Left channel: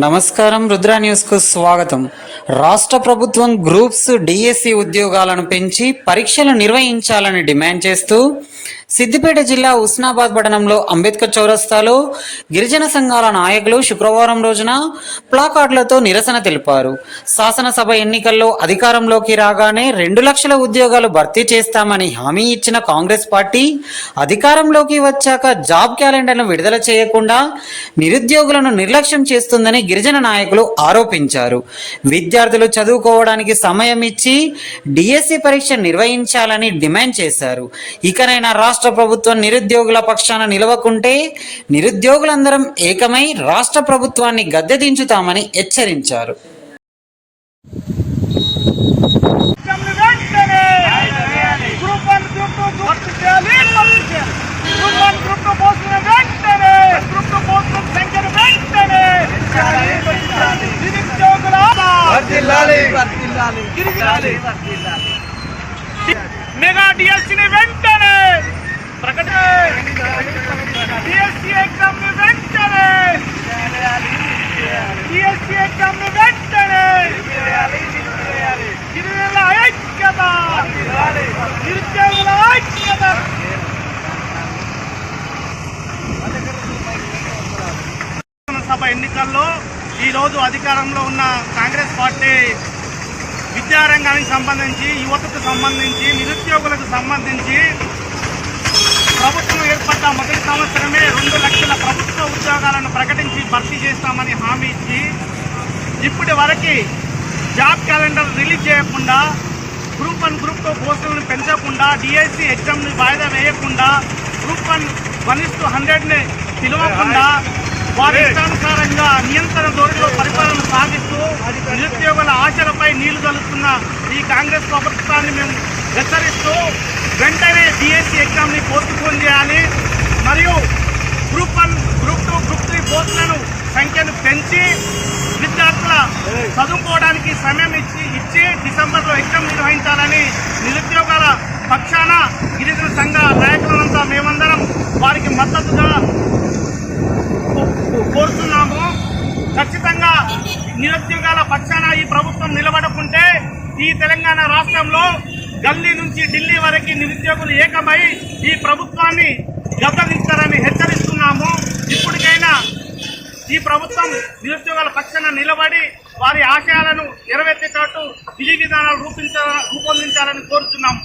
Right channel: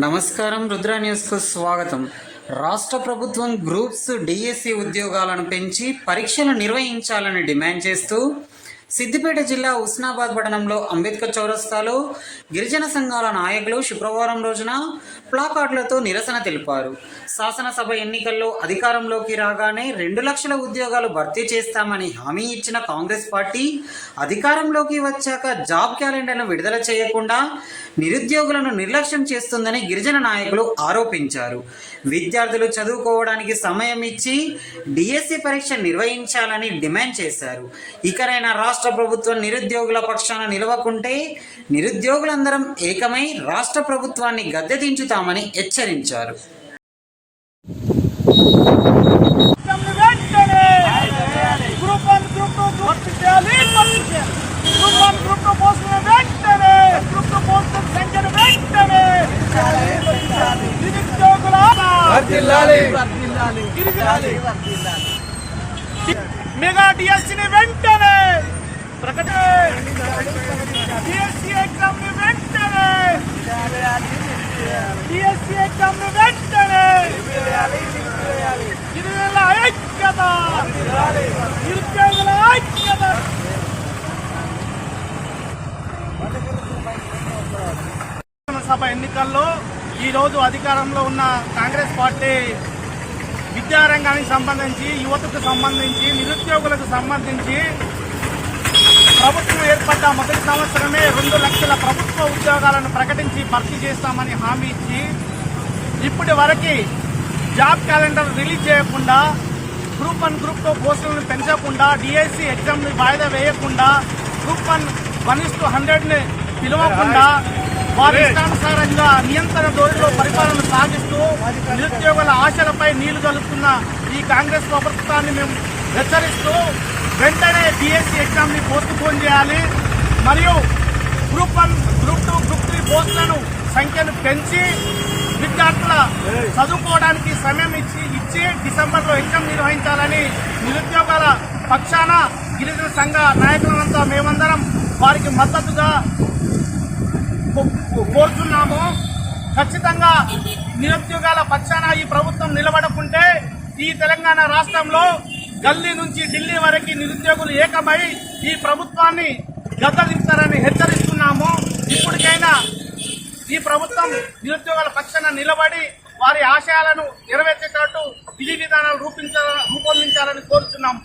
నమస్కారం, రుద్ర న్యూస్ కు స్వాగతం. రాష్ట్ర ప్రభుత్వం గ్రూప్స్ డిఎస్సి ఉద్యోగాలను పెంచి పరీక్షలు నిర్వహించాలని డిమాండ్ చేస్తూ సిద్దిపేట జిల్లా ఉస్నాబాద్ పట్టణంలో అంబేద్కర్ చౌరస్తాలో గిరిజన సంఘాల నాయకులు శుక్రవారం రోజున ప్లాకార్డులతో నిరసన తెలిపారు. శాసనసభ ఎన్నికల్లో అధికారంలోకి రాగానే 2 లక్షల ఉద్యోగాలు భర్తీ చేస్తామని హామీ ఇచ్చిన కాంగ్రెస్ పార్టీ అధికారంలోకి వచ్చాక జాబ్ క్యాలెండర్ను విడుదల చేయకుండా నిరుద్యోగులను నిర్లక్ష్యం చేస్తుందని గిరిజన నాయకులు ఆరోపించారు. విద్యార్థులు చదువుకోవడానికి సమయం ఇచ్చి డిఎస్సి పరీక్ష నిర్వహించాలని డిమాండ్ చేశారు. ఇకనైనా రాష్ట్ర ప్రభుత్వం నిరుద్యోగుల పక్షాన నిలవకుంటే నిరుద్యోగులందరం ఏకమై రాష్ట్ర ప్రభుత్వాన్ని గద్దె దించుతామని హెచ్చరించారు. మెగా డిఎస్సిని వెంటనే డిఎస్సి ఎగ్జామ్ ని వెంటనే డిఎస్సి ఎగ్జామ్ ని వెంటనే గిరిజనుల ఐక్యత, నిరుద్యోగుల ఐక్యత. సభ ఎన్నికల్లో ఈరోజు అధికారంలో ఉన్న కాంగ్రెస్ పార్టీ విద్యారంగానికి సంబంధించి, యువతకు సంబంధించి, నిరుద్యోగులకు సంబంధించి ప్రభుత్వం ఏర్పడ్డ మొదటి సంవత్సరమే 2 లక్షల ప్రభుత్వ ఉద్యోగాలను ప్రకటించి భర్తీ చేస్తామని హామీ ఇచ్చి ఇప్పటి వరకు జాబ్ క్యాలెండర్ రిలీజ్ చేయకుండా, గ్రూప్ 1, గ్రూప్ 2 పోస్టులను పెంచకుండా, డిఎస్సి ఎగ్జామ్ని వాయిదా వేయకుండా, గ్రూప్ 1:100ని పిలవకుండా వారి ఇష్టానుసారంగా నియంత్రణ ధోరణిలో పరిపాలన సాగిస్తూ నిరుద్యోగుల ఆశలపై నీళ్లు కలుస్తున్న ఈ కాంగ్రెస్ ప్రభుత్వాన్ని మేము హెచ్చరిస్తూ వెంటనే డిఎస్సి ఎగ్జామ్ని పోస్ట్పోన్ చేయాలి. మరియు గ్రూప్ 1, గ్రూప్ 2, గ్రూప్ 3 పోస్టులను సంఖ్యను పెంచి విద్యార్థుల చదువుకోవడానికి సమయం ఇచ్చి డిసెంబర్లో ఎగ్జామ్ నిర్వహించాలని నిరుద్యోగాల పక్షాన గిరిజన సంఘ నాయకులంతా మేమందరం వారికి మద్దతుగా కోరుతున్నాము. ఖచ్చితంగా నిరుద్యోగాల పక్షాన ఈ ప్రభుత్వం నిలబడకుంటే ఈ తెలంగాణ రాష్ట్రంలో గల్లీ నుంచి ఢిల్లీ వరకు నిరుద్యోగులు ఏకమై ఈ ప్రభుత్వాన్ని గద్దదించారని హెచ్చరిస్తున్నాము. ఇప్పటికైనా ఈ ప్రభుత్వం నిరుద్యోగాల పక్షాన నిలబడి వారి ఆశయాలను నెరవేర్చేటట్టు విధి విధానాలు రూపొందించాలని కోరుతున్నాము.